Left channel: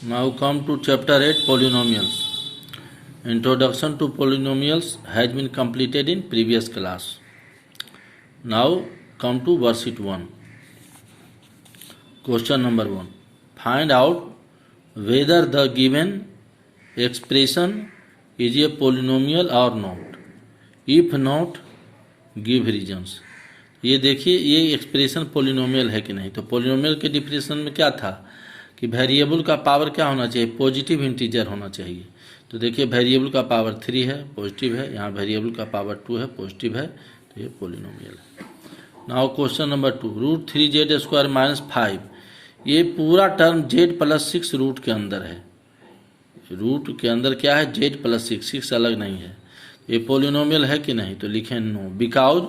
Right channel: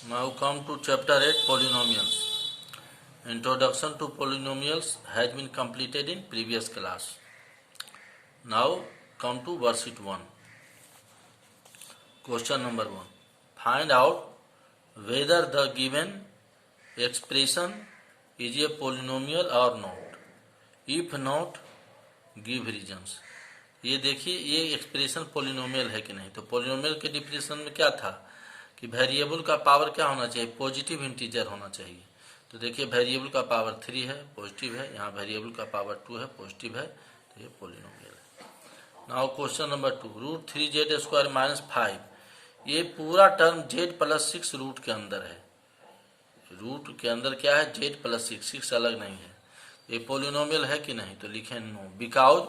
Now come to chapter 8, polynomials. Introduction to polynomials has been completed in previous class. Now come to worksheet 1. Question number 1. Find out whether the given expression is a polynomial or not. If not, give reasons. ये देखिए ये expression polynomial है कि नहीं। तो polynomial के definition में क्या था कि वेरिएबल का पावर क्या होना चाहिए, पॉजिटिव इंटीजर होना चाहिए। तो देखिए वेरिएबल का पावर 3 है, पॉजिटिव है, यहाँ वेरिएबल का पावर 2 है, पॉजिटिव है, तो ये पोलिनोमियल है। नाउ क्वेश्चन नंबर 2, √3z² - 5, ये पूरा टर्म z + 6 रूट के अंदर है। रूट के अंदर क्या है, z + 6, 6 अलग नहीं है। ये पोलिनोमियल है कि नहीं, तो लिखें no, because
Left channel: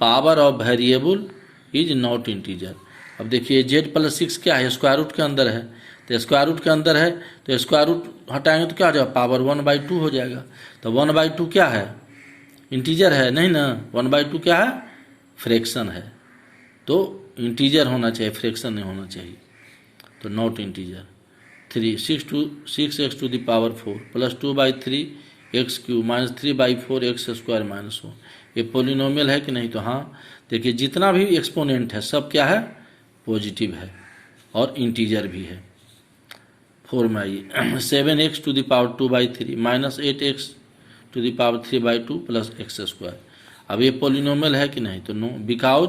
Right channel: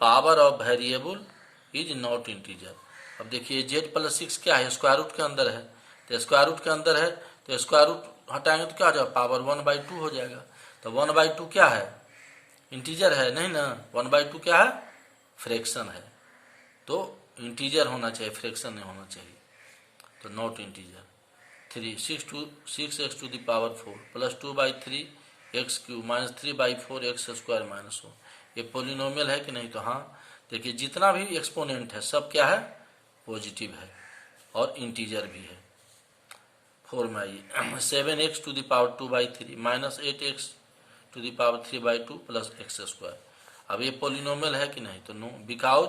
power of variable is not integer. अब देखिए z + 6 क्या है, स्क्वायर रूट के अंदर है। तो स्क्वायर रूट के अंदर है तो स्क्वायर रूट हटाएंगे तो क्या हो जाएगा, पावर 1/2 हो जाएगा। तो 1/2 क्या है, इंटीजर है नहीं ना। 1/2 क्या है, फ्रैक्शन है। तो इंटीजर होना चाहिए, फ्रैक्शन नहीं होना चाहिए। तो not integer. 6x⁴ + 2/3x³ - 3/4x² - 1, ये पोलिनोमियल है कि नहीं। तो हाँ, देखिए जितना भी एक्सपोनेंट है सब क्या है, पॉजिटिव है और इंटीजर भी है। 4 में आइए, 7x⁴ - 8x⁴ + x²। अब ये पोलिनोमियल है कि नहीं, तो no, because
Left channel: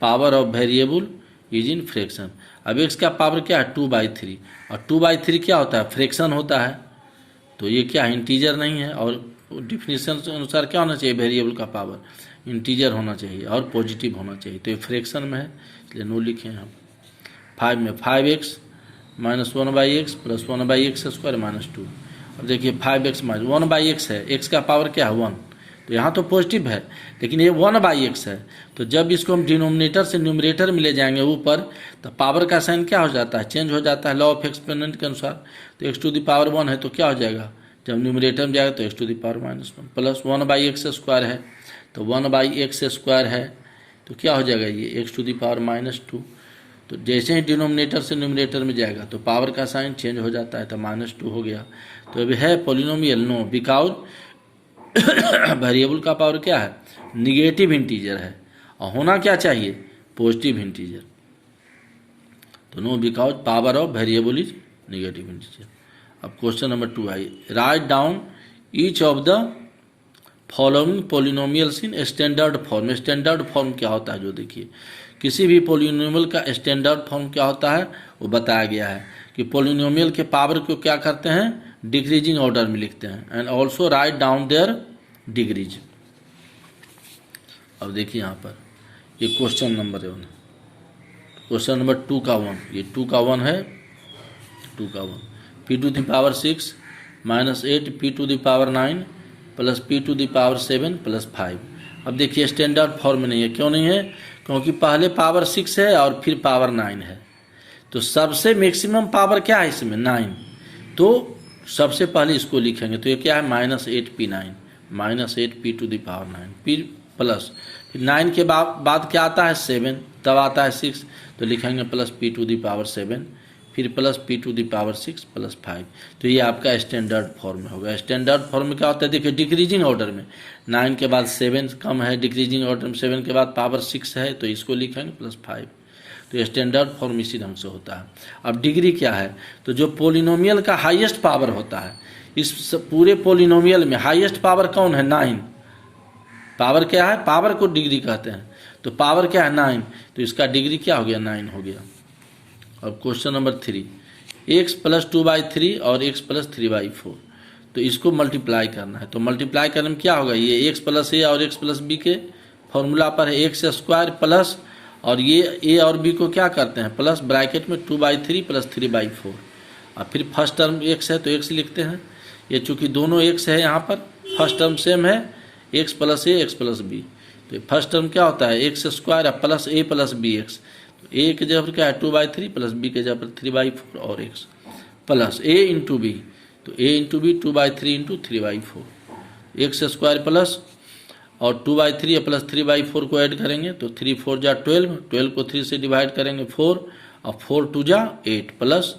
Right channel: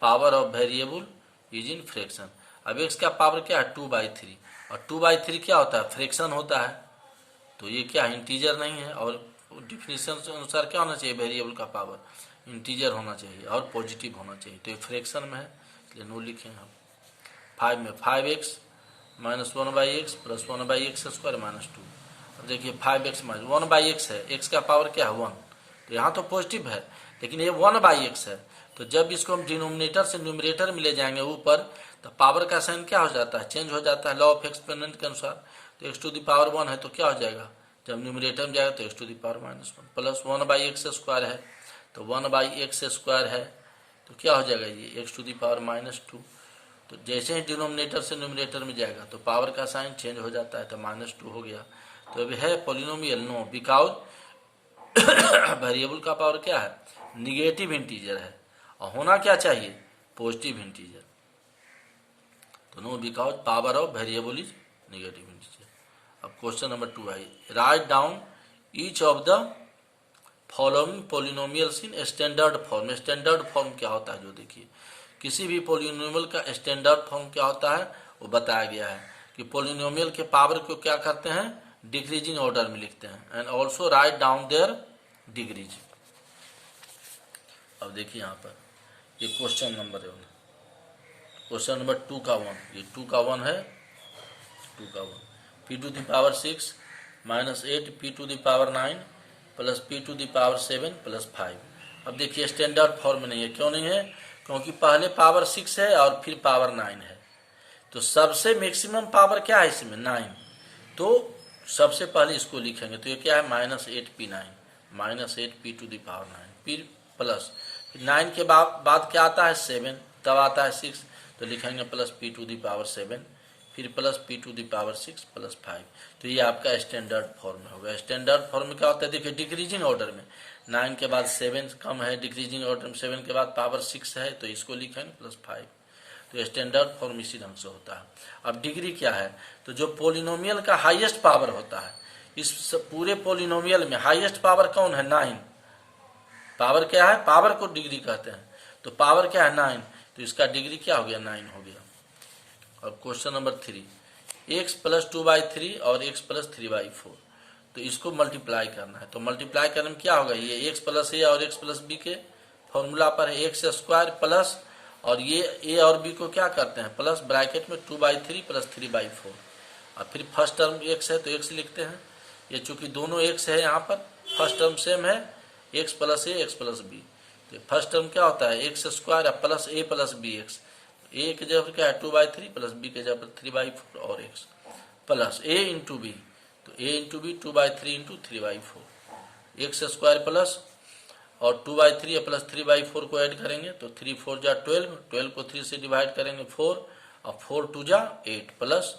power of variable is in fraction. अब x का पावर क्या है, 2/3, और 2/3 क्या होता है, फ्रैक्शन होता है। तो ये क्या है, इंटीजर नहीं है। और डिफिनीशन के अनुसार क्या होना चाहिए, वेरिएबल का पावर इंटीजर होना चाहिए और पॉजिटिव होना चाहिए। तो ये फ्रैक्शन में है, इसलिए नो लिखे हैं हम। 5 में 5x - 1/x + 1/x² - 2। अब देखिए 5x - 1/x है, x का पावर क्या है, 1, तो यहाँ तो पॉजिटिव है, लेकिन ये 1/x है। तो जब इसको हम डिनोमिनेटर से न्यूमरेटर में ले जाएंगे ऊपर, तो पावर का साइन क्या हो जाता है, चेंज हो जाता है, लॉ ऑफ एक्सपोनेंट के अनुसार। तो x⁴ है तो क्या हो जाएगा, जब न्यूमरेटर में जाएगा तो x⁴ - 1 + 1/x² है, तो 1/x² है, तो क्या हो जाएगा ये x⁴ - 2। तो जैसे ही डिनोमिनेटर से न्यूमरेटर में जाएगा तो पावर का साइन चेंज हो जाता है, तो -2 हो गया। तो अभी है पोलिनोमियल, नो, बिकॉज वेरिएबल का पावर क्या है, निगेटिव इंटीजर है, और होना क्या चाहिए, पॉजिटिव इंटीजर। तो no, because power of variable is negative integer. अब question number 2 I, write down each of the following polynomials in standard form. Standard form क्या होता है, जो देखिए किसी भी पोलिनोमियल का स्टैंडर्ड फॉर्म क्या होता है वो बताया गया है कि पोलिनोमियल के पावर को क्या करते हैं, डिक्रीजिंग ऑर्डर में लिखते हैं, and also write down their degrees. अब देखिए यहाँ पर ये क्वेश्चन नंबर 1, क्वेश्चन नंबर 2 का 1, ये 2 का 1 है, 2 का 1, p⁶ - 8 p⁹ + p⁷ + 5। अब देखिए स्टैंडर्ड फॉर्म नहीं है, क्यों नहीं है, क्योंकि पहले पावर 6 है और फिर पावर 9 है। तो सबसे मैक्सिमम पावर क्या है इसमें, 9। तो सबसे पहले इसको लिखेंगे, तो ये क्या है, -8p9 - 8p⁹, फिर प्लस, फिर 9 के बाद क्या आता है, 7, तब आता है 6, तो लिखेंगे प्लस p⁶, फिर प्लस p⁶ + 5। तो ये आपका स्टैंडर्ड फॉर्म होगा। स्टैंडर्ड फॉर्म में क्या होता है, देखिए डिक्रीजिंग ऑर्डर में 9 के बाद 7 कम है, डिक्रीजिंग ऑर्डर में 7 के बाद पावर 6 है, तो इसको लिखेंगे +5। तो स्टैंडर्ड फॉर्म इसी ढंग से होता है। अब डिग्री क्या है, तो जो पोलिनोमियल का हाईएस्ट पावर होता है, इस पूरे पोलिनोमियल में हाईएस्ट पावर कौन है, 9। पावर क्या है, पावर को डिग्री कहते हैं, तो पावर क्या है, 9, तो इसका डिग्री क्या हो गया, 9 हो गया। अब क्वेश्चन नंबर 3, x + 2/3 और x + 3/4, तो इसको मल्टीप्लाई करना है। तो मल्टीप्लाई करने में क्या होगा, ये x + a और x + b के फॉर्मूला पर है, x² प्लस, और ये a और b को क्या करते हैं, प्लस ब्रैकेट में 2/3 + 3/4, और फिर फर्स्ट टर्म x है तो x लिखते हैं। ये चूंकि दोनों x है, यहाँ पर फर्स्ट टर्म सेम है, x + a x + b, तो फर्स्ट टर्म क्या होता है, x² + a + bx। a के जगह पर क्या है, 2/3 + b के जगह पर 3/4 और x प्लस a × b, तो a × b 2/3 × 3/4, x² प्लस और 2/3 + 3/4 को ऐड करेंगे तो 3 4 जा 12, 12 को 3 से डिवाइड करेंगे 4, और 4 2 जा 8 प्लस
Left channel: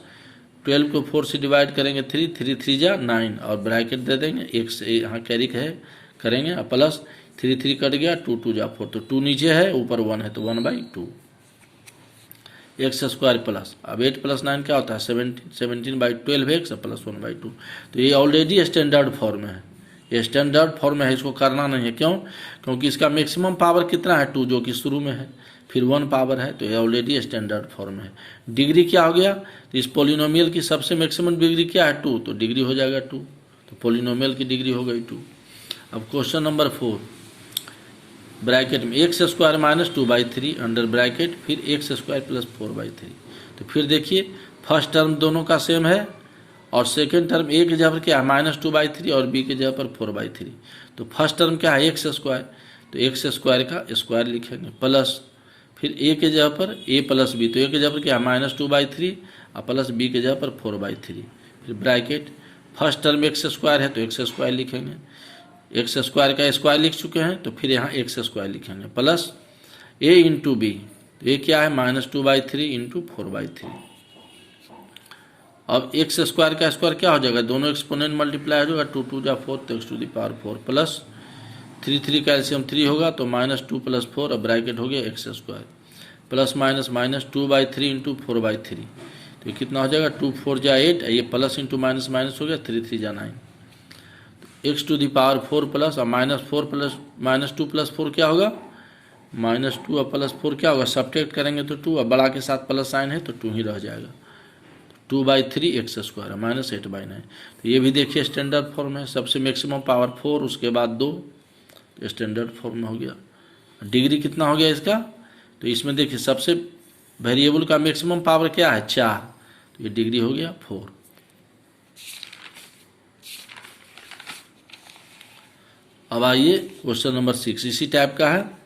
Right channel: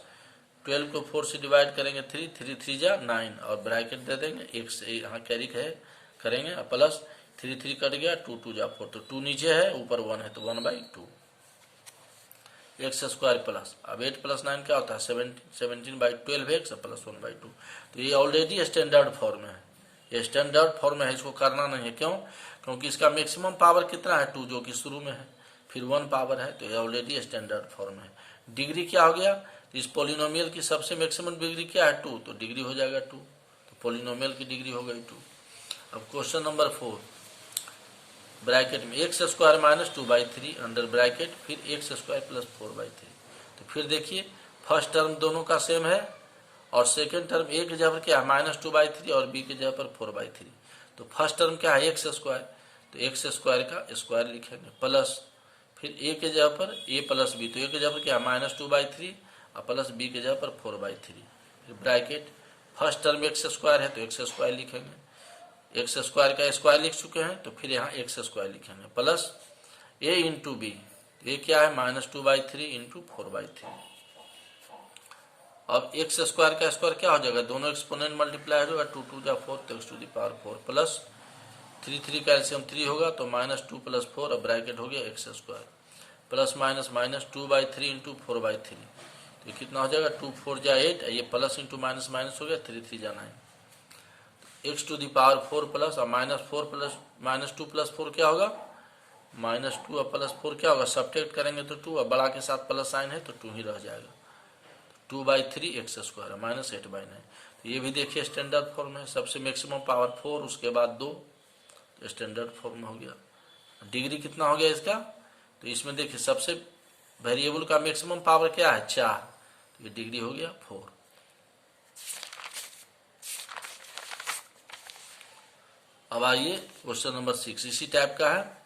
12 को 4 से डिवाइड करेंगे 3, 3 3 जा 9 और ब्रैकेट दे देंगे, एक से यहाँ कैरी है करेंगे और प्लस 3 3 कट गया, 2 2 जा 4, तो 2 नीचे है ऊपर 1 है तो 1/2 एक्स स्क्वायर प्लस, अब 8 + 9 क्या होता है 17, 17/12 एक्स प्लस 1/2। तो ये ऑलरेडी स्टैंडर्ड फॉर्म है, ये स्टैंडर्ड फॉर्म है, इसको करना नहीं है। क्यों? क्योंकि इसका मैक्सिमम पावर कितना है 2, जो कि शुरू में है, फिर 1 पावर है, तो ये ऑलरेडी स्टैंडर्ड फॉर्म है। डिग्री क्या हो गया? तो इस पोलिनोमियल की सबसे मैक्सिमम डिग्री क्या है 2, तो डिग्री हो जाएगा 2, तो पोलिनोमियल की डिग्री हो गई 2। अब क्वेश्चन नंबर 4, ब्रैकेट में x square minus 2/3 under bracket, फिर एक्स स्क्वायर प्लस 4/3। तो फिर देखिए फर्स्ट टर्म दोनों का सेम है और सेकेंड टर्म ए की जगह पर क्या है -2/3 और बी की जगह पर 4/3। तो फर्स्ट टर्म क्या है एक्स स्क्वायर, तो एक्स स्क्वायर का स्क्वायर लिखेंगे प्लस फिर ए के जगह पर ए प्लस बी, तो ए के जगह पर क्या है -2/3 और प्लस बी के जगह पर 4/3। फिर bracket first term x square है तो एक्स स्क्वायर लिखेंगे, एक्स स्क्वायर का स्क्वायर लिख चुके हैं तो फिर यहाँ एक्स स्क्वायर लिखेंगे प्लस ए इंटू बी, तो ये क्या है -2/3 इंटू 4/3। अब एक्स स्क्वायर का स्क्वायर क्या हो जाएगा, दोनों एक्सपोनेंट मल्टीप्लाई हो जाएगा, 2 2 जा 4 तो x⁴ प्लस 3 3 का एलसीएम 3 होगा तो -2 + 4 और ब्रैकेट हो गया x square plus minus -2/3 into 4/3, तो ये कितना हो जाएगा 2 4 जा 8, ये प्लस इंटू माइनस माइनस हो गया 3 3 जा 9, x⁴ प्लस और -4 प्लस -2 + 4 क्या होगा -2 और +4 क्या होगा, सब्ट्रैक्ट करेंगे तो 2 और बड़ा के साथ प्लस साइन है तो 2 ही रह जाएगा, 2/3 एक्स स्क्वायर -8/9। तो ये भी देखिए स्टैंडर्ड फॉर्म है, सबसे मैक्सिमम पावर 4 उसके बाद 2, तो स्टैंडर्ड फॉर्म में हो गया। डिग्री कितना हो गया इसका, तो इसमें देखिए सबसे वेरिएबल का मैक्सिमम पावर क्या है 4, तो ये डिग्री हो गया 4। अब आइए क्वेश्चन नंबर 6 इसी टाइप का है,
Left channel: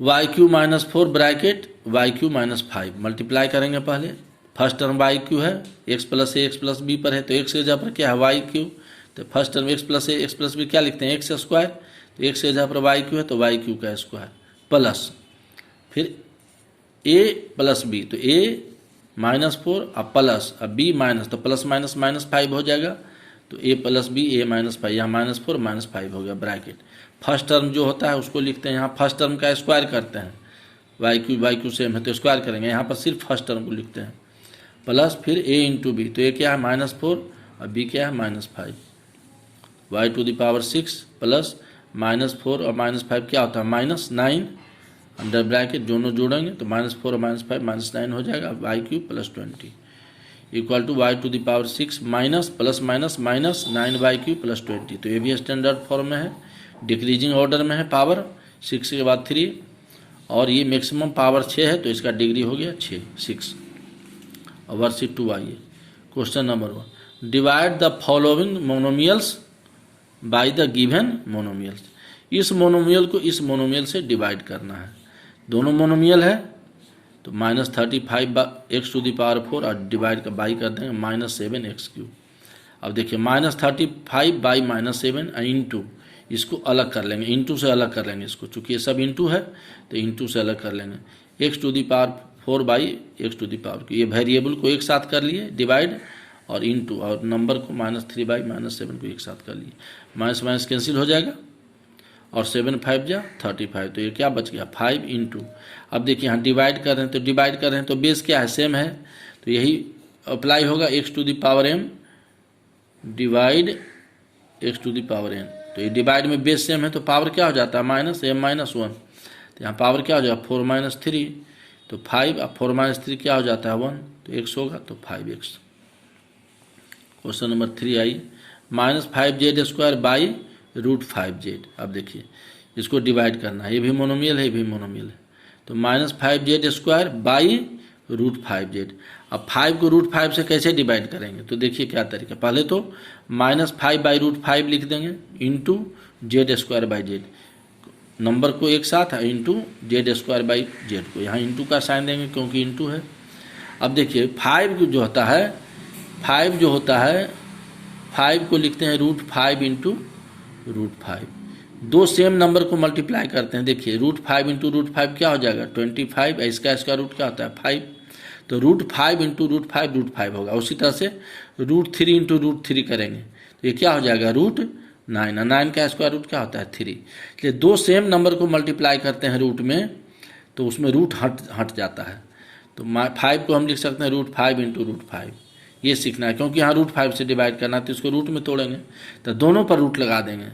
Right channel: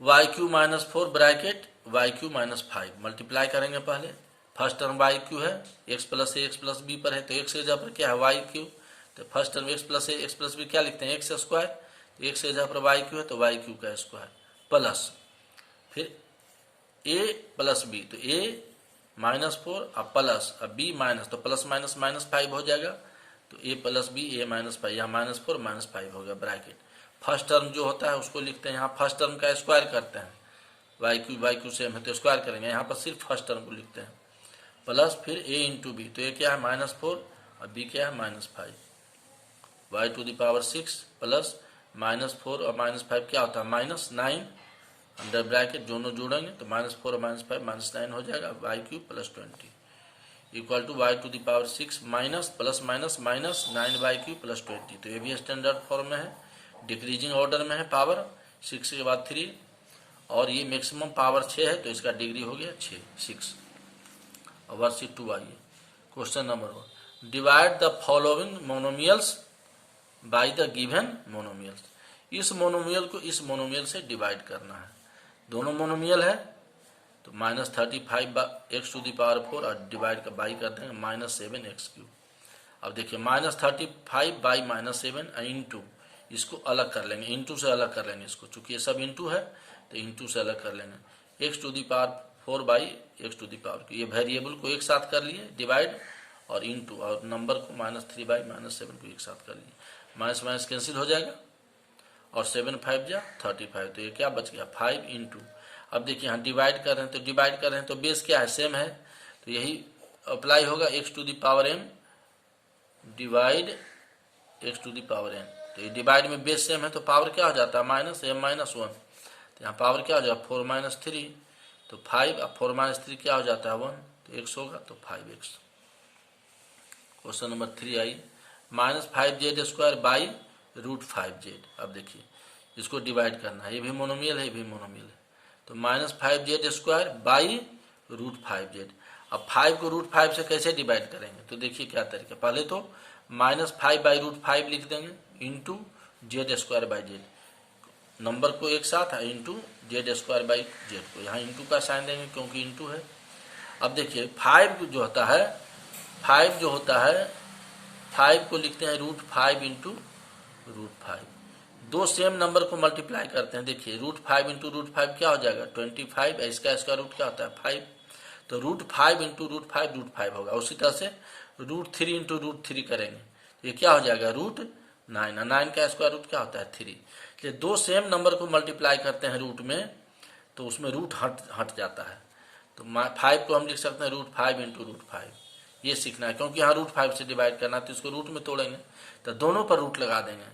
y³ - 4 ब्रैकेट y³ - 5 मल्टीप्लाई करेंगे। पहले फर्स्ट टर्म y³ है, x + a x + b पर है तो x के जगह पर क्या है y³, तो first term x + a x + b क्या लिखते हैं एक्स स्क्वायर, तो x के जगह पर y³ है तो y³ का स्क्वायर प्लस फिर a + b, तो a -4 और प्लस और b माइनस, तो प्लस माइनस -5 हो जाएगा, तो a + b a - 5, यहाँ -4 -5 हो गया ब्रैकेट। फर्स्ट टर्म जो होता है उसको लिखते हैं, यहाँ फर्स्ट टर्म का स्क्वायर करते हैं, y³ सेम है तो स्क्वायर करेंगे, यहाँ पर सिर्फ फर्स्ट टर्म को लिखते हैं प्लस फिर a इंटू बी, तो a क्या है -4 और b क्या है -5, y⁴ प्लस -4 और -5 क्या होता है -9 अंडर ब्रैकेट, दोनों जोड़ेंगे तो -4 और -5 -9 हो जाएगा, y³ + 20 equal to y⁴ minus plus minus -9y³ + 20। तो ये भी स्टैंडर्ड फॉर्म में है, डिक्रीजिंग ऑर्डर में है, पावर 6 के बाद 3 और ये मैक्सिमम पावर 6 है तो इसका डिग्री हो गया 6। और वर्कशीट 2 आइए, question number 1, divide the following monomials by the given monomials. इस मोनोमियल को इस मोनोमियल से डिवाइड करना है, दोनों मोनोमियल है तो -35x⁴ और डिवाइड का बाई कर देंगे -7x³। अब देखिए -35/-7 इंटू, इसको अलग कर लेंगे, इंटू से अलग कर लेंगे इसको, चूंकि ये सब इंटू है तो इंटू से अलग कर लेंगे, x⁴/x⁴, ये वेरिएबल को एक साथ कर लिए डिवाइड और इंटू, और नंबर को -3/-7 को एक साथ कर लिए, माइनस माइनस कैंसिल हो जाएगा और 7 5 जा 35, तो ये क्या बच गया 5 इंटू। अब देखिए यहाँ डिवाइड कर रहे हैं तो बेस क्या है सेम है, तो यही अप्लाई होगा x⁴m डिवाइड x⁴n, तो ये डिवाइड में बेस सेम है तो पावर क्या हो जाता है -m - 1, तो यहाँ पावर क्या हो जाएगा 4 - 3, तो 5 और 4 - 3 क्या हो जाता है 1, तो x होगा तो 5x। क्वेश्चन नंबर 3 आई, -5z² / अब देखिए इसको डिवाइड करना है, ये भी मोनोमियल है ये भी मोनोमियल है, तो -5z² / √5z। अब 5 को √5 से कैसे डिवाइड करेंगे, तो देखिए क्या तरीका, पहले तो -5/√5 लिख देंगे इंटू z²/z, नंबर को एक साथ है इंटू z²/z को, यहाँ इंटू का साइन देंगे क्योंकि इंटू है। अब देखिए 5 जो होता है 5 को लिखते हैं √5 इंटू √5, दो सेम नंबर को मल्टीप्लाई करते हैं, देखिए √5 इंटू √5 क्या हो जाएगा 25, इसका रूट क्या होता है 5, तो √5 इंटू √5 √5 होगा। उसी तरह से √3 इंटू √3 करेंगे तो ये क्या हो जाएगा √9। 9 का स्क्वायर रूट क्या होता है 3। इसलिए दो सेम नंबर को मल्टीप्लाई करते हैं रूट में तो उसमें रूट हट जाता है। तो 5 को हम लिख सकते हैं √5 इंटू √5। ये सीखना है क्योंकि यहाँ √5 से डिवाइड करना है तो इसको रूट में तोड़ेंगे तो दोनों पर रूट लगा देंगे।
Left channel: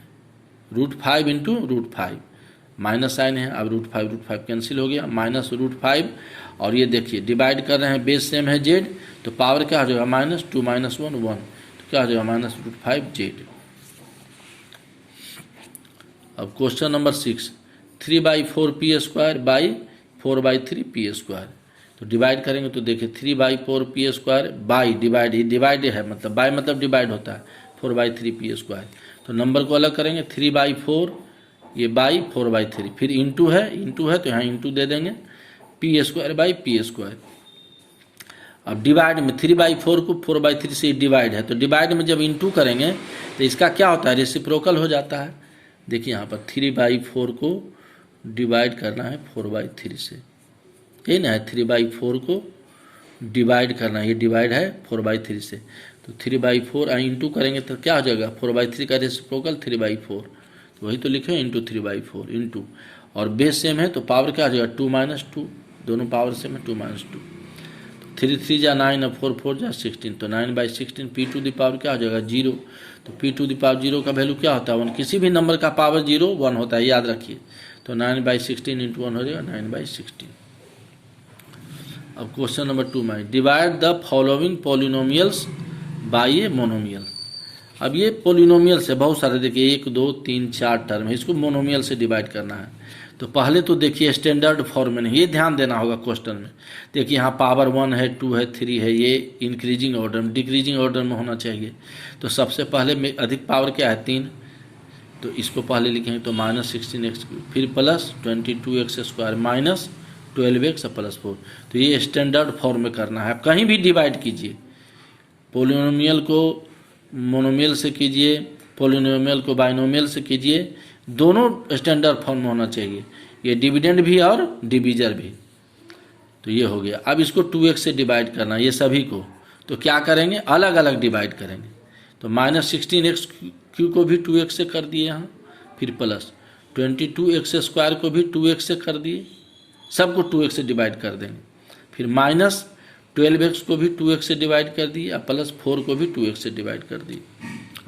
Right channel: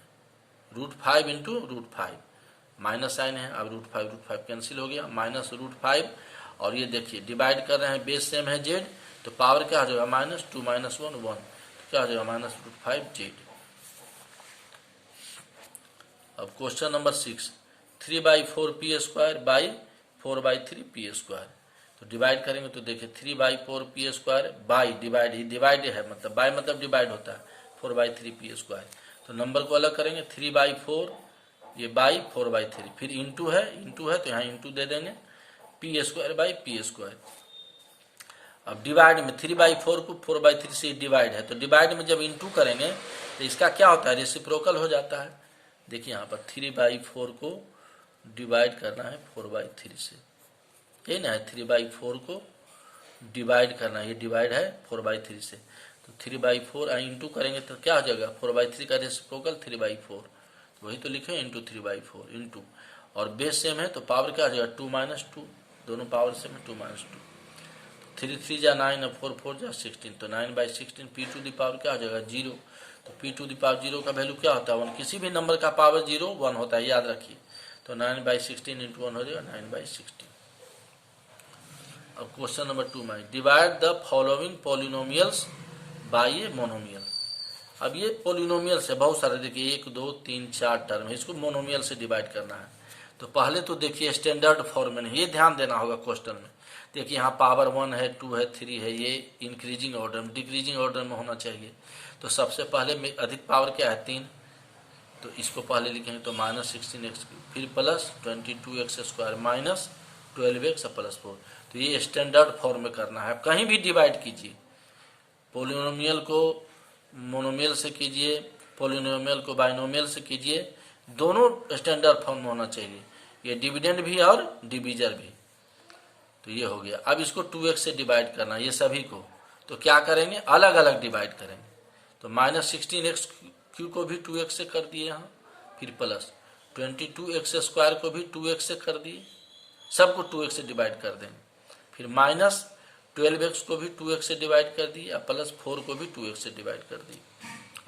√5 इंटू √5 माइनस साइन है, अब √5 कैंसिल हो गया, माइनस √5 और ये देखिए डिवाइड कर रहे हैं, बेस सेम है जेड तो पावर क्या हो जाएगा -2 - 1 1 तो क्या हो जाएगा -√5 जेड। अब question number 6 3/4 p² by 4/3 p²। तो डिवाइड करेंगे तो देखिए 3/4 p² बाई डिवाइड है मतलब बाय मतलब डिवाइड होता है 4/3 p²। तो नंबर को अलग करेंगे 3/4 ये बाई 4/3 फिर इंटू है तो यहाँ इंटू दे देंगे p² बाई p²। अब डिवाइड में 3/4 को 4/3 से डिवाइड है तो डिवाइड में जब इंटू करेंगे तो इसका क्या होता है रेसिप्रोकल हो जाता है। देखिए यहाँ पर 3/4 को डिवाइड करना है 4/3 से, यही ना है 3/4 को डिवाइड करना है, ये डिवाइड है 4/3 से तो 3/4 इंटू करेंगे तो क्या हो जाएगा 4/3 का रेसिप्रोकल 3/4 तो वही तो लिखे इंटू 3/4 इंटू और बेस सेम है तो पावर क्या हो जाएगा 2 - 2 दोनों पावर सेम है 2 - 2 3 3 जा 9 और 4 4 जा 16 तो 9/16 p² क्या हो जाएगा 0 तो p² 0 का वैल्यू क्या होता है 1। किसी भी नंबर का पावर 0 1 होता है याद रखिए। तो 9/16 इंटू 1 हो जाएगा 9/16। अब क्वेश्चन नंबर 2 में divide the following polynomials by a monomial. अब ये पोलिनोमियल से बहुत सारे देखिए 1 2 3 4 टर्म है, इसको मोनोमियल से डिवाइड करना है। तो पहले तो देखिए स्टैंडर्ड फॉर्म में नहीं, ये ध्यान देना होगा क्वेश्चन में। देखिए यहाँ पावर 1 है 2 है 3 है, ये इंक्रीजिंग ऑर्डर में डिक्रीजिंग ऑर्डर में होना चाहिए। तो सबसे पहले में अधिक पावर क्या है 3 तो इसको पहले लिखेंगे तो -16x फिर plus 22x² minus 12x plus 4। तो ये स्टैंडर्ड फॉर्म में करना है। कहीं भी डिवाइड कीजिए, पोलिनोमियल को मोनोमियल से कीजिए, पोलिनोमियल को बाइनोमियल से कीजिए, दोनों स्टैंडर्ड फॉर्म में होना चाहिए, ये डिविडेंड भी और डिवीजर भी। तो ये हो गया। अब इसको 2x से डिवाइड करना ये सभी को, तो क्या करेंगे अलग अलग डिवाइड करेंगे। तो -16x³ को भी 2x से कर दिए यहाँ, फिर प्लस 22x² को भी 2x से कर दिए, सबको 2x से डिवाइड कर देंगे। फिर -12x को भी 2x से डिवाइड कर दिए और प्लस 4 को भी 2x से डिवाइड कर दिए।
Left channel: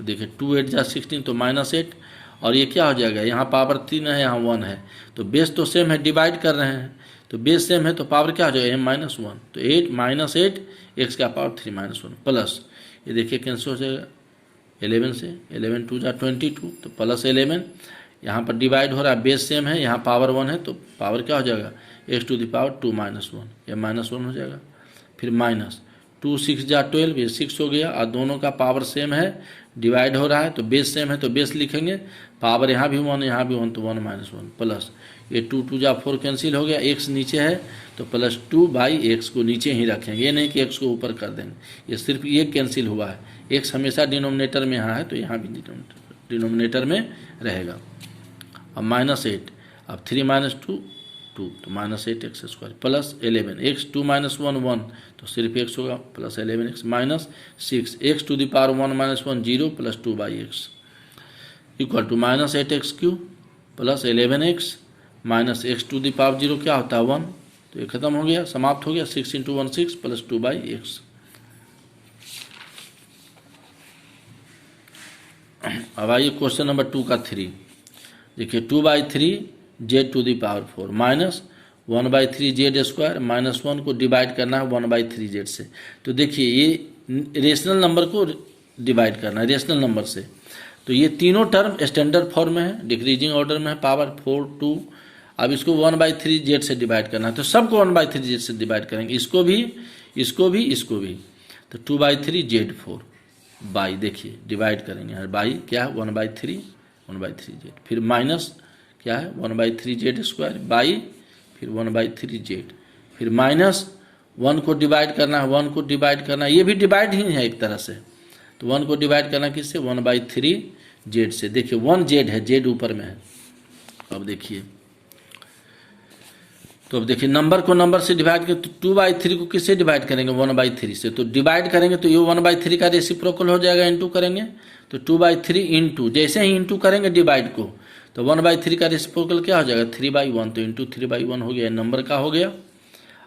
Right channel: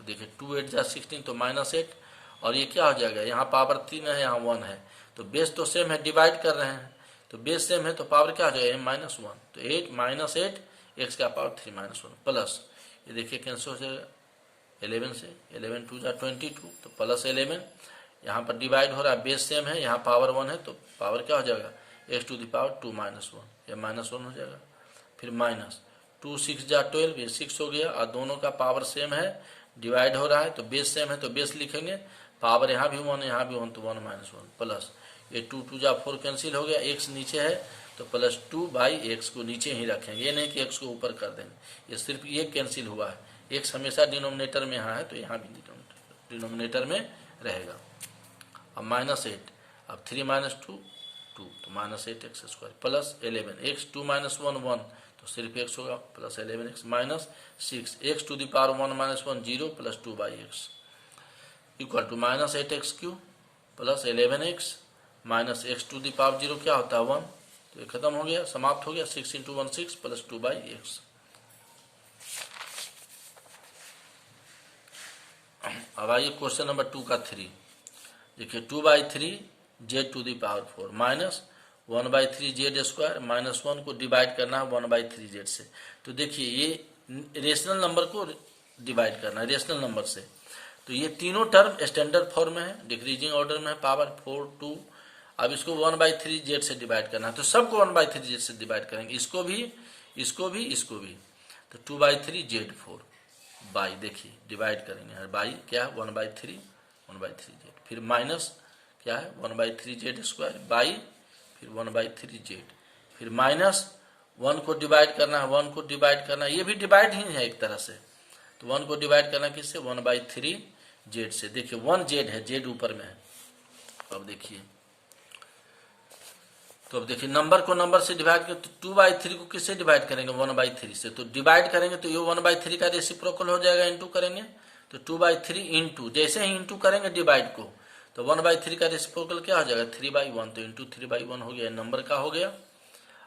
देखिए 2 8 जा 16 तो -8 और ये क्या हो जाएगा यहाँ पावर 3 है यहाँ 1 है तो बेस तो सेम है, डिवाइड कर रहे हैं तो बेस सेम है तो पावर क्या हो जाएगा m-1 तो 8 - 8 x का पावर 3 - 1 प्लस ये देखिए कैंसिल हो जाएगा 11 से 11 2 जा 22 तो प्लस 11 यहाँ पर डिवाइड हो रहा है, बेस सेम है, यहाँ पावर 1 है तो पावर क्या हो जाएगा x² 2 - 1 ये -1 हो जाएगा। फिर माइनस 2 6 जा 12 ये 6 हो गया और दोनों का पावर सेम है, डिवाइड हो रहा है तो बेस सेम है तो बेस लिखेंगे, पावर यहाँ भी 1 यहाँ भी 1 तो 1 - 1 प्लस ये 2 2 जा 4 कैंसिल हो गया, x नीचे है तो +2/x को नीचे ही रखेंगे, ये नहीं कि x को ऊपर कर देंगे, ये सिर्फ ये कैंसिल हुआ है, x हमेशा डिनोमिनेटर में यहाँ है तो यहाँ भी डिनोमिनेटर में रहेगा। अब -8 अब 3 - 2 2 तो -8x² प्लस 11 x 2 - 1 1 तो सिर्फ x होगा plus 11x minus 6 x² 1 - 1 0 plus 2/x equal to -8x³ plus 11x minus x² 0 क्या होता है 1 तो ये खत्म हो गया, समाप्त हो गया। 6 × 1 6 प्लस 2/x। अब आइए क्वेश्चन नंबर 2 का 3 देखिए 2/3 z⁴ माइनस 1/3 z² माइनस 1 को डिवाइड करना है 1/3 z से। तो देखिए ये रेशनल नंबर को डिवाइड करना है रेशनल नंबर से, तो ये तीनों टर्म स्टैंडर्ड फॉर्म में है, डिक्रीजिंग ऑर्डर में है, पावर 4 2। अब इसको 1/3 z से डिवाइड करना है तो सबको 1/3 z से डिवाइड करेंगे, इसको भी इसको भी इसको भी। तो 2/3 z⁴ बाई देखिए डिवाइड करेंगे यहाँ बाई क्या है 1/3 z फिर माइनस क्या है 1/3 z² बाई फिर 1/3 z फिर माइनस 1 को डिवाइड करना है 1 को डिवाइड करना है, ये भी डिवाइड ही है एक तरह से। तो 1 को डिवाइड करना किससे 1/3 z से। देखिए 1 z है, z ऊपर में है। अब देखिए तो अब देखिए नंबर को नंबर से डिवाइड करें तो 2/3 को किससे डिवाइड करेंगे 1/3 से, तो डिवाइड करेंगे तो ये 1/3 का रेसिप्रोकल हो जाएगा, इंटू करेंगे तो 2/3 इंटू, जैसे ही इंटू करेंगे डिवाइड को तो 1/3 का रेसिप्रोकल क्या हो जाएगा 3/1, तो इंटू 3/1 हो गया, नंबर का हो गया।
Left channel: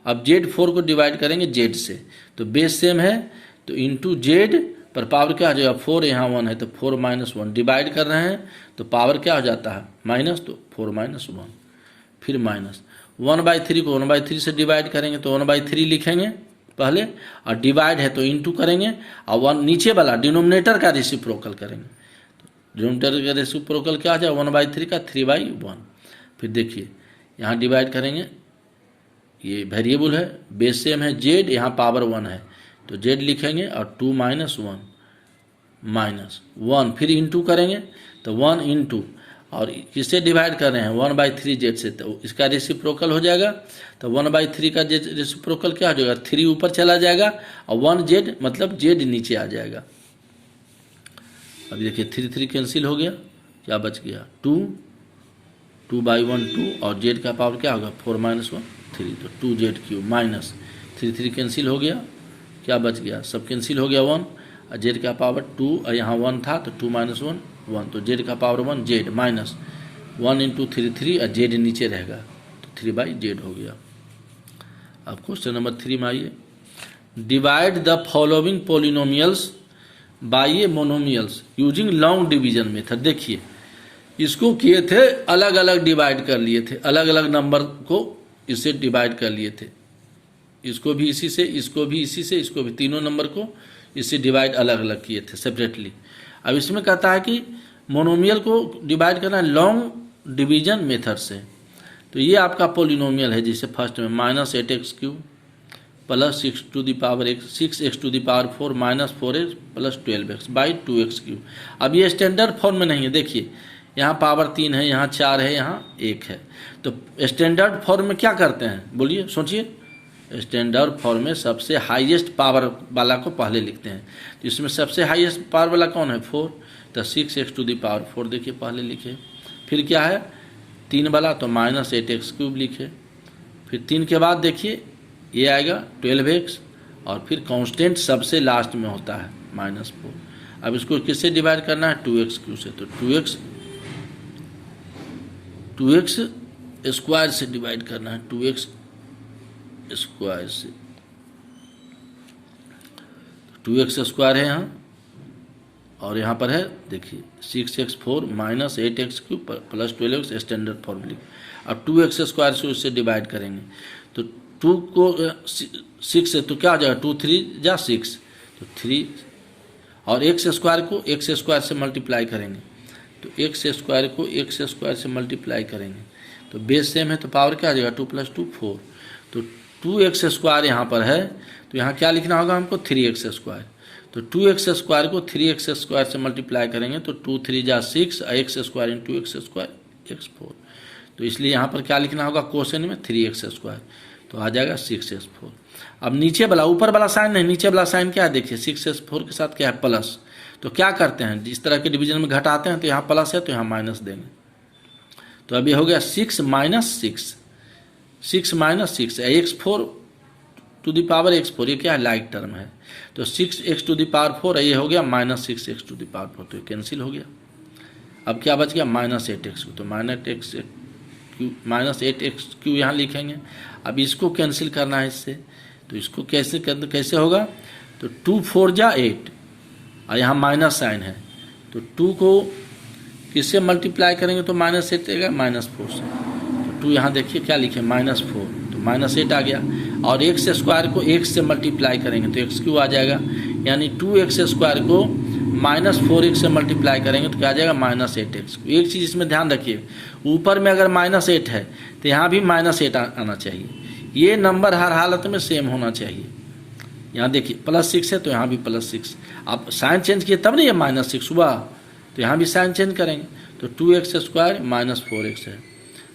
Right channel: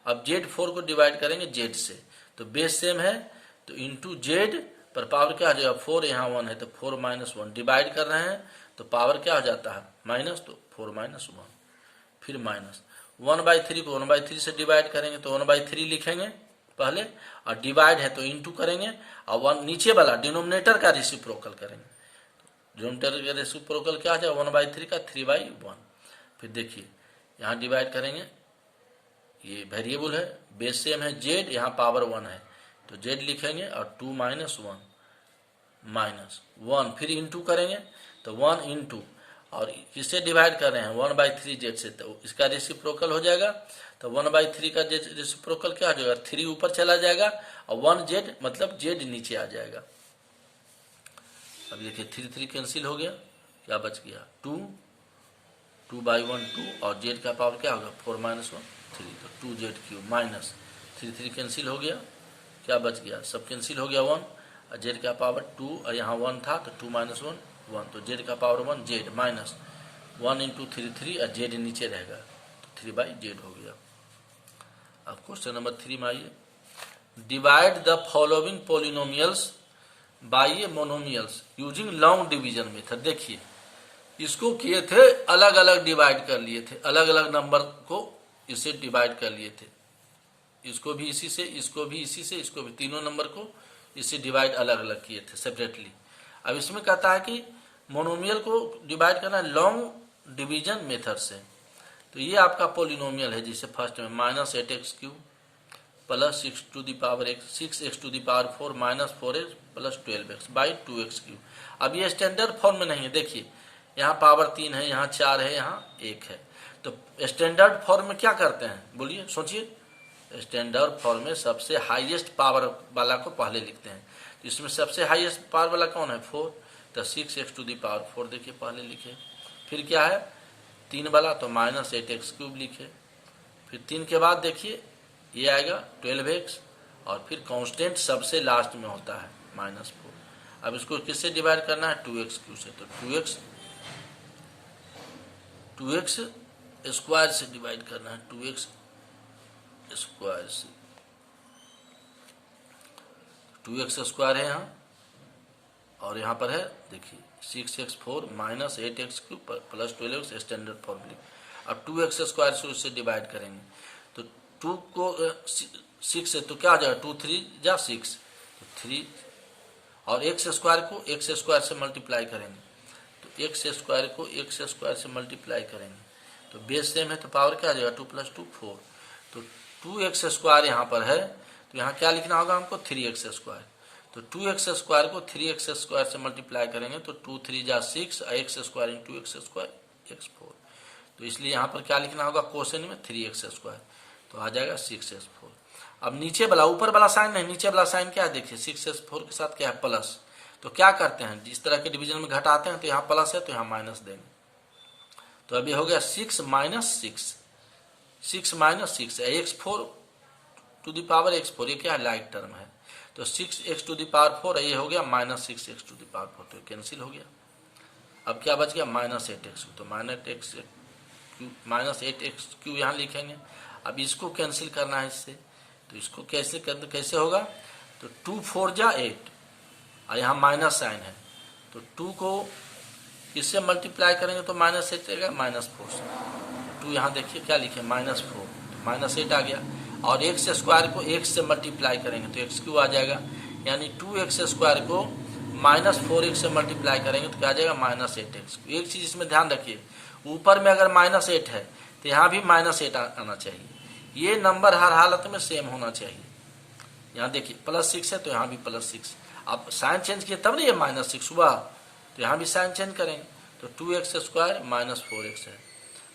अब Z4 को डिवाइड करेंगे Z से, तो बेस सेम है तो इंटू Z पर पावर क्या हो जाएगा 4, यहाँ 1 है तो 4 - 1, डिवाइड कर रहे हैं तो पावर क्या हो जाता है माइनस, तो 4 - 1 फिर माइनस 1/3 को 1/3 से डिवाइड करेंगे तो 1/3 लिखेंगे पहले, और डिवाइड है तो इंटू करेंगे, और 1 नीचे वाला डिनोमिनेटर का रेसिप्रोकल करेंगे, डिनोमिनेटर का रेसिप्रोकल क्या आ जाए 1/3 का 3/1। फिर देखिए यहाँ डिवाइड करेंगे, ये वेरिएबल है, बेस सेम है Z, यहाँ पावर 1 है तो Z लिखेंगे और 2 - 1 फिर इंटू करेंगे तो 1 इंटू, और किससे डिवाइड कर रहे हैं 1/3 Z से, तो इसका रेसिप्रोकल हो जाएगा, तो 1/3 का रेसिप्रोकल क्या हो जाएगा 3 ऊपर चला जाएगा और 1 Z मतलब Z नीचे आ जाएगा। अभी देखिए 3 कैंसिल हो गया, क्या बच गया 2/1 2, और Z का पावर क्या होगा 4 - 1 3, तो 2Z³ माइनस 3 कैंसिल हो गया, क्या बच गया सब कैंसिल हो गया 1, और Z का पावर 2, और यहाँ 1 था तो 2 - 1 1, तो Z का पावर 1 Z माइनस 1 इंटू 3 और Z नीचे रहेगा तो 3/Z हो गया। अब क्वेश्चन नंबर 3 में आइए, divide the following polynomials by a monomials using long division method. देखिए इसको किए थे अलग अलग डिवाइड कर लिए थे, अलग अलग नंबर को इससे डिवाइड कर लिए थे, इसको भी इसी से, इसको भी इसी से, इसको भी, तीनों नंबर को इससे डिवाइड अलग अलग किए थे सेपरेटली। अब इसमें कहता है कि मोनोमियल को डिवाइड करना है लॉन्ग डिवीजन मेथड से, तो ये आपका पोलिनोमियल है, जिसे फर्स्ट में -8x³ plus 6x⁴ minus 4x plus 12x/2x³। अब ये स्टैंडर्ड फॉर्म में नहीं है, देखिए यहाँ पावर 3 है, यहाँ 4 है, यहाँ 1 है, तो स्टैंडर्ड फॉर्म में क्या करते हैं बोलिए, सोचिए। स्टैंडर्ड फॉर्म में सबसे हाईएस्ट पावर वाला को पहले लिखते हैं, तो इसमें सबसे हाईएस्ट पावर वाला कौन है 4, तो 6x⁴ देखिए पहले लिखे, फिर क्या है 3 वाला तो -8x³ लिखे, फिर 3 के बाद देखिए ये आएगा 12x, और फिर कांस्टेंट सबसे लास्ट में होता है -4। अब इसको किससे डिवाइड करना है 2x³ से, तो 2x² से डिवाइड करना है, 2x² से, 2x² है यहाँ, और यहाँ पर है देखिए 6x4 minus 8x³ plus 12x standard form लिख। अब 2x² से उससे डिवाइड करेंगे तो 2 को 6 से तो क्या हो जाएगा 2 3 जा 6 तो 3, और x² को x² से मल्टीप्लाई करेंगे तो x² को x² से मल्टीप्लाई करेंगे तो बेस सेम है तो पावर क्या आ जाएगा 2 + 2 4, तो 2x² यहाँ पर है तो यहाँ क्या लिखना होगा हमको 3x², तो 2x² को 3x² से मल्टीप्लाई करेंगे तो 2 3 जा 6 x² इंटू x² x4, तो इसलिए यहाँ पर क्या लिखना होगा क्वेश्चन में 3x², तो आ जाएगा 6x4। अब नीचे वाला, ऊपर वाला साइन नहीं, नीचे वाला साइन क्या है देखिए 6x4 के साथ क्या है प्लस, तो क्या करते हैं इस तरह के डिवीजन में घटाते हैं तो यहाँ प्लस है तो यहाँ माइनस देंगे, तो अभी हो गया 6 - 6 x4⁴ ये क्या है लाइक टर्म है, तो 6x⁴ ये हो गया -6x⁴ तो ये कैंसिल हो गया। अब क्या बच गया -8x, तो -8x³ यहाँ लिखेंगे। अब इसको कैंसिल करना है इससे, तो इसको कैसे होगा, तो 2 4 जा 8 और यहाँ माइनस साइन है, तो 2 को किससे मल्टीप्लाई करेंगे तो -8 आएगा -4 से, तो 2 यहाँ देखिए क्या लिखे -4 तो -8 आ गया, और x² को x से मल्टीप्लाई करेंगे तो x³ आ जाएगा, यानी 2x² को -4x से मल्टीप्लाई करेंगे तो क्या आ जाएगा -8x। एक चीज़ इसमें ध्यान रखिए, ऊपर में अगर -8 है तो यहाँ भी -8 आना चाहिए, ये नंबर हर हालत में सेम होना चाहिए। यहाँ देखिए +6 है तो यहाँ भी +6, आप साइन चेंज किए तब नहीं ये -6 हुआ, तो यहाँ भी साइन चेंज करेंगे तो 2x² -4x है,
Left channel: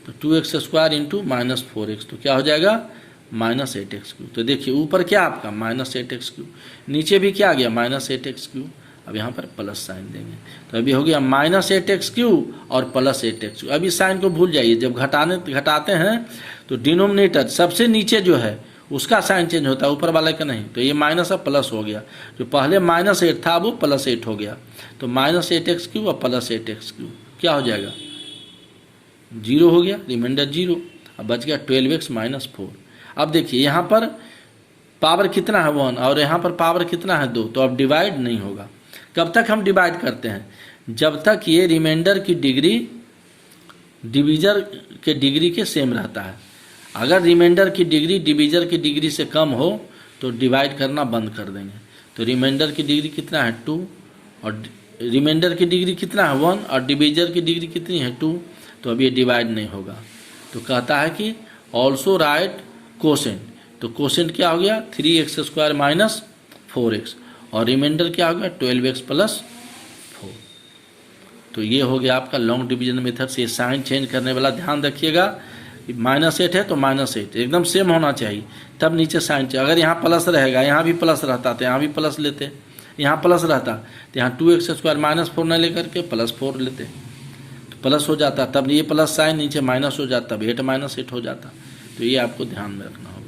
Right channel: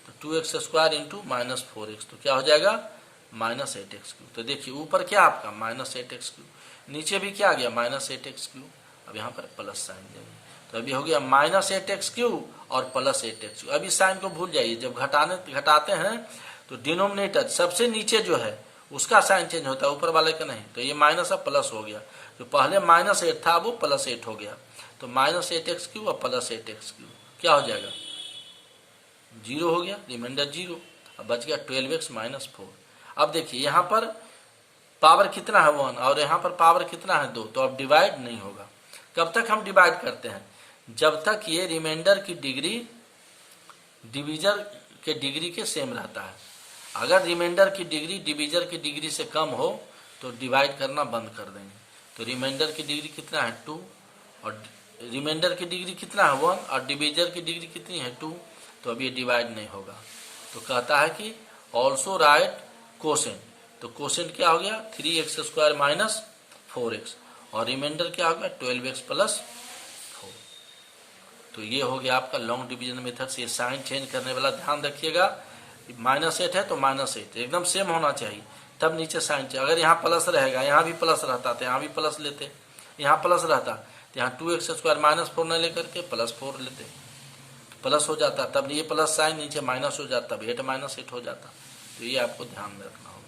तो 2x² इंटू -4x तो क्या हो जाएगा -8x³। तो देखिए ऊपर क्या आपका -8x³, नीचे भी क्या आ गया -8x³, अब यहाँ पर प्लस साइन देंगे तो अभी हो गया -8x³ और +8x³। अभी साइन को भूल जाइए, जब घटाते हैं तो डिनोमिनेटर सबसे नीचे जो है उसका साइन चेंज होता है, ऊपर वाले का नहीं। तो ये माइनस अब प्लस हो गया, जो पहले -8 था वो +8 हो गया। तो -8x³ और +8x³ क्या हो जाएगा, 0 हो गया, रिमाइंडर 0। अब बच गया 12x - 4। अब देखिए यहाँ पर पावर कितना है 1 और यहाँ पर पावर कितना है 2, तो अब डिवाइड नहीं होगा। कब तक हम डिवाइड करते हैं, जब तक ये रिमाइंडर की डिग्री डिवीजर के डिग्री के सेम रहता है। अगर रिमाइंडर की डिग्री डिवीजर की डिग्री से कम हो तो डिवाइड करना बंद कर देंगे। तो रिमाइंडर की डिग्री कितना है 2 और रिमाइंडर की डिग्री कितना है 1 और डिवीजर की डिग्री कितनी है 2, तो अब ये डिवाइड नहीं होगा। तो कहता है कि ऑल्सो राइट कोसेंट। तो कोसेंट क्या हो गया 3x² - 4x और रिमाइंडर क्या हो गया 12x + 4। तो ये हो गया आपका लॉन्ग डिवीजन मेथड से। साइन चेंज करने वाला ध्यान रखिएगा, -8 है तो -8 एकदम सेम होना चाहिए, तब नीचे साइन चाहिए। अगर यहाँ प्लस रहेगा, यहाँ भी प्लस रहता तो यहाँ भी प्लस लेते, यहाँ प्लस रहता तो यहाँ 2x² - 4 न लेकर के +4 लेते, तो प्लस हो जाता, तब ये प्लस साइन नीचे माइनस हो जाता, तब 8 - 8 हो जाता। तो ये आपको ध्यान में रखना होगा।